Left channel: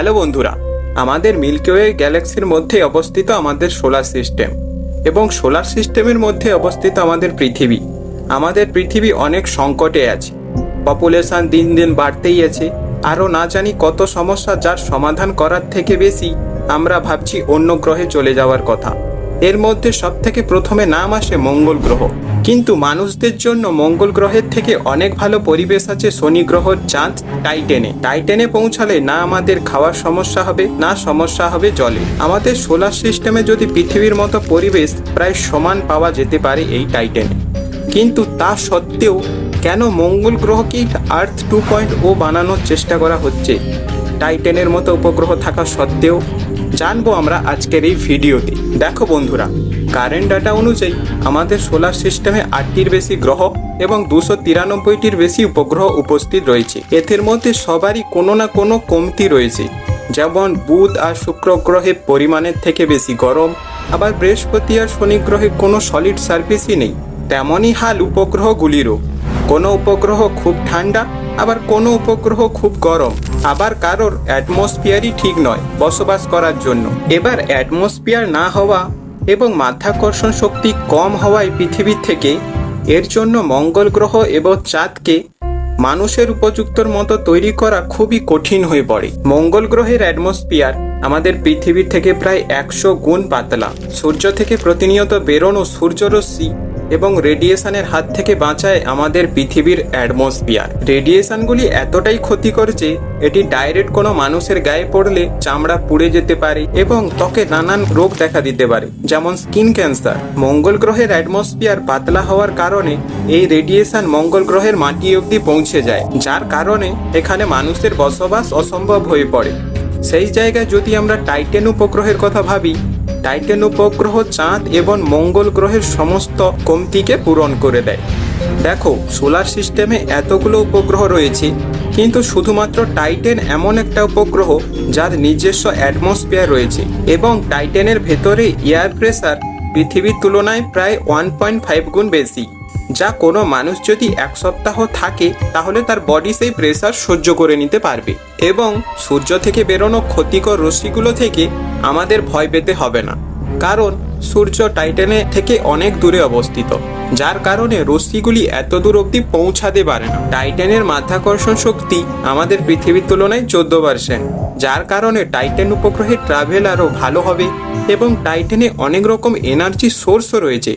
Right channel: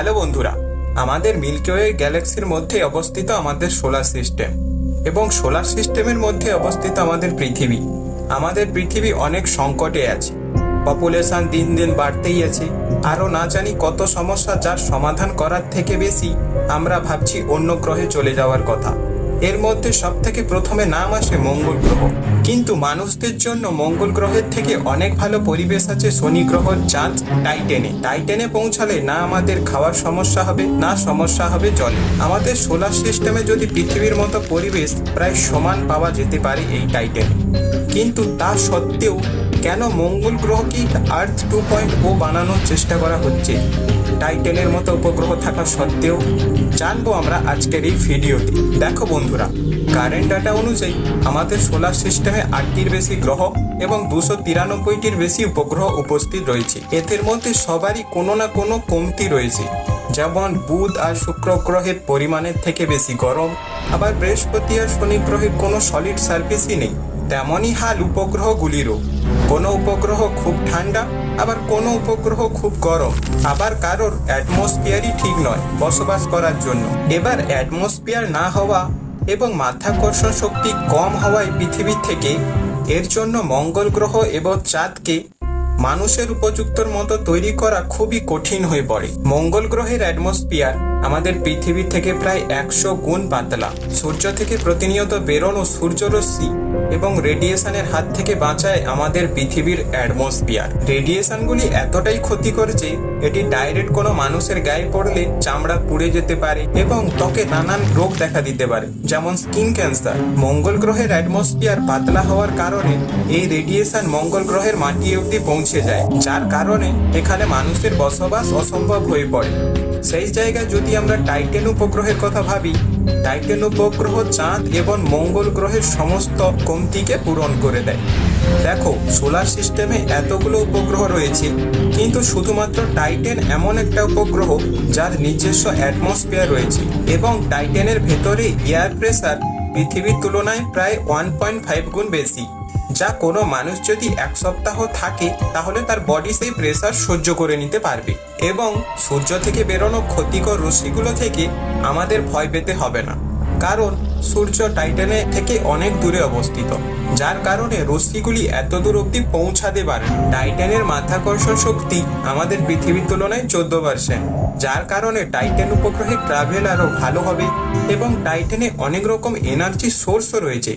Hello বন্ধুরা, আমাদের Milky Way গ্যালাক্সির মধ্যে অবস্থিত আমাদের সোলার সিস্টেম এবং সোলার সিস্টেমের মধ্যে অবস্থিত আমাদের পৃথিবী। আমাদের পৃথিবী অনেক সংকটে আছে। পপুলেশন দিন দিন বাড়তেই আছে। আরও না জানি কত সমস্যা যার সমাধান করার থেকে বেশি আমরা ভাবছি অন্য গ্রহে চলে যাওয়ার কথা। এর মধ্যে সব থেকে প্রথমে নাম আসে মঙ্গল গ্রহ। কিন্তু মানুষদের জন্য মঙ্গল গ্রহের থেকে অনেক ভালো পরিবেশ আছে শনি গ্রহর চাঁদ টাইটেনে। টাইটেনে পৌঁছালে না আমাদের খাওয়ার সমস্যা হবে, না সমস্যা হবে জলে। আমাদের সোলার সিস্টেমে যদি পৃথিবীর মতো পরিবেশ প্রায় সমান পাওয়া যেতে পারে এই টাইটেনে। কিন্তু তা সত্ত্বেও কেন মঙ্গল গ্রহকেই আর্থ টু পয়েন্ট ও বানানোর চেষ্টা করা হচ্ছে? টাইটেনের মতো উপগ্রহ থাকা সত্ত্বেও জানব আমরা আজকের এই ভিডিওতে। দেখো বন্ধুরা কারেন্ট ডাটা অনুযায়ী আমাদের সোলার সিস্টেমে আটটির বেশি গ্রহ এবং দুশো তিরানব্বইটির বেশি উপগ্রহ উপস্থিত রয়েছে। এদের মধ্যে সবারই কোনো না কোনো কমতি রয়েছে। যেমন বুধ আর শুক্র গ্রহে পরিমাণের থেকে বেশি গরম, আবার বৃহস্পতি আর শনি গ্রহে কোনো সলিড সার্ফেসই নেই। তেমনই হাল উপগ্রহগুলিরও। কোনো উপগ্রহ খুব ঠান্ডা, আবার কোনো উপগ্রহ খুব গরম। আবার কারোর অ্যাটমসফিয়ারই ঠিক নয় বসবাস করার জন্য। এবার অ্যাটমসফিয়ার না হওয়া এবং মাধ্যাকর্ষণ শক্তি কম হওয়ায় পৃথিবী থেকে এর জন্য মঙ্গল গ্রহ এবং চাঁদকে মানুষের উপযুক্তর মতো তৈরি করা খুবই কঠিন হয়ে পড়ে। মঙ্গল গ্রহের অ্যাটমসফিয়ার আমাদের পৃথিবীর থেকে প্রায় একশো গুণ পাতলা। সূর্য থেকে প্রতিনিয়ত বেরোনো সূর্যরশ্মি এবং রেডিয়েশনের হাত থেকে বাঁচায় আমাদের পৃথিবীর অ্যাটমসফিয়ার রেডিয়েশনগুলি এতটাই ক্ষতিকর যে এটি ডাইরেক্ট কোনো মানুষের গায়ে পড়লে চামড়া পুড়ে যেতে পারে এবং ত্বকে নানান রোগ দেখা দিতে পারে, যেমন স্কিন ক্যান্সার মঙ্গল গ্রহের অ্যাটমসফিয়ার পাতলা হওয়ার কারণে এই রেডিয়েশন মঙ্গল গ্রহের মাটি অবধি পৌঁছে যায়, যার কারণে এখানে মানুষের বসবাস অসম্ভব হয়ে পড়ে। সেই জায়গায় যদি আমরা টাইটেন উপগ্রহের কথা ভাবি টাইটেন উপগ্রহ চাঁদ এবং মঙ্গল গ্রহের সমস্ত কমতিকে পূরণ করে দেয়। দেখো, সোলার সিস্টেমে এতগুলো উপগ্রহ রয়েছে, কিন্তু শুধুমাত্র টাইটেন এমন একটা উপগ্রহ যার নিজস্ব অ্যাটমসফিয়ার রয়েছে এবং টাইটেনের ভেতরে এয়ার প্রেসার পৃথিবীর তুলনায় প্রায় ওয়ান পয়েন্ট ফাইভ গুণ বেশি। যা কোনো মানুষ যদি এক সপ্তাহ থাকে, তাহলে তার বডি সেই প্রেসার সহ্য করে নিতে পারবে। এবং সূর্য থেকে বেরোনো ক্ষতিকর রশ্মিগুলো থেকে আমাদের ভয় পেতে হবে না। কারণ সূর্য টাইটানে থেকে অনেক দূরে অবস্থিত, যার কারণে রশ্মিগুলি এত দূর অব্দি পৌঁছাতে পারে না। টাইটানের মাধ্যাকর্ষণ শক্তি আমাদের পৃথিবীর তুলনায় চোদ্দ পার্সেন্ট যার কারণে টাইটান উপগ্রহে ট্রাভেল আরও ভালো হবে এবং টাইটানে অনেক রকম এনার্জি সোর্সও রয়েছে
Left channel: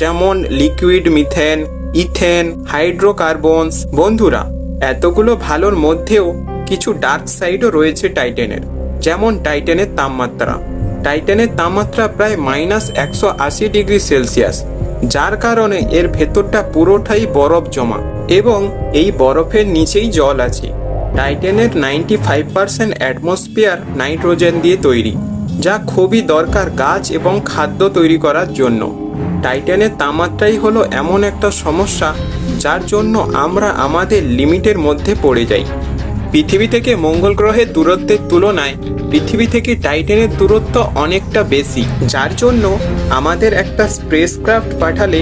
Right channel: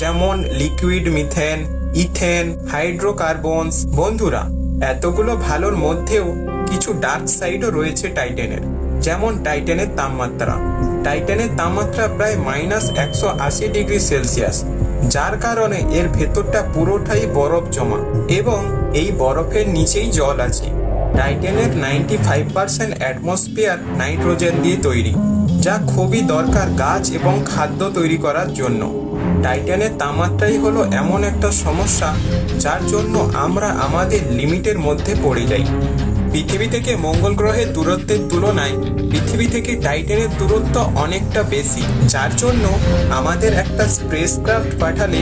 যেমন লিকুইড মিথেন ইথেন হাইড্রোকার্বনস বন্ধুরা, এতগুলো ভালোর মধ্যেও কিছু ডার্ক সাইডও রয়েছে টাইটেনের যেমন টাইটেনের তাপমাত্রা। টাইটেনের তাপমাত্রা প্রায় মাইনাস একশো আশি ডিগ্রি সেলসিয়াস যার কারণে এর ভেতরটা পুরোটাই বরফ জমা এবং এই বরফের নিচেই জল আছে। টাইটেনের ninety five percent atmosphere nitrogen দিয়ে তৈরি, যা খুবই দরকার গাছ এবং খাদ্য তৈরি করার জন্য। টাইটানের তাপমাত্রাই হলো এমন একটা সমস্যা যার জন্য আমরা আমাদের লিমিটের মধ্যে পড়ে যাই। পৃথিবী থেকে মঙ্গল গ্রহের দূরত্বের তুলনায় পৃথিবী থেকে টাইটানের দূরত্ব অনেকটা বেশি, যার জন্য আমাদের একটা স্পেস ক্রাফট পাঠালে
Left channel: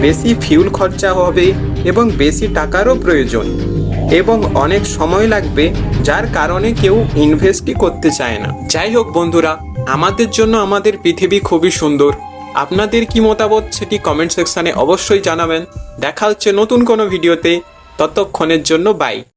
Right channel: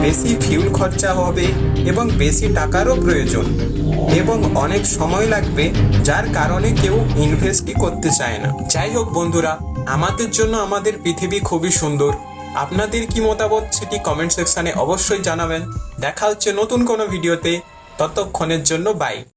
বেশি ফিউল খরচা হবে এবং বেশি টাকারও প্রয়োজন এবং অনেক সময় লাগবে যার কারণে কেউ ইনভেস্টই করতে চায় না। যাই হোক বন্ধুরা, আমাদের জন্য আমাদের পৃথিবী খুবই সুন্দর। আপনাদের কি মতামত সেটি কমেন্ট সেকশানে অবশ্যই জানাবেন। দেখা হচ্ছে নতুন কোনো ভিডিওতে ততক্ষণের জন্য বাই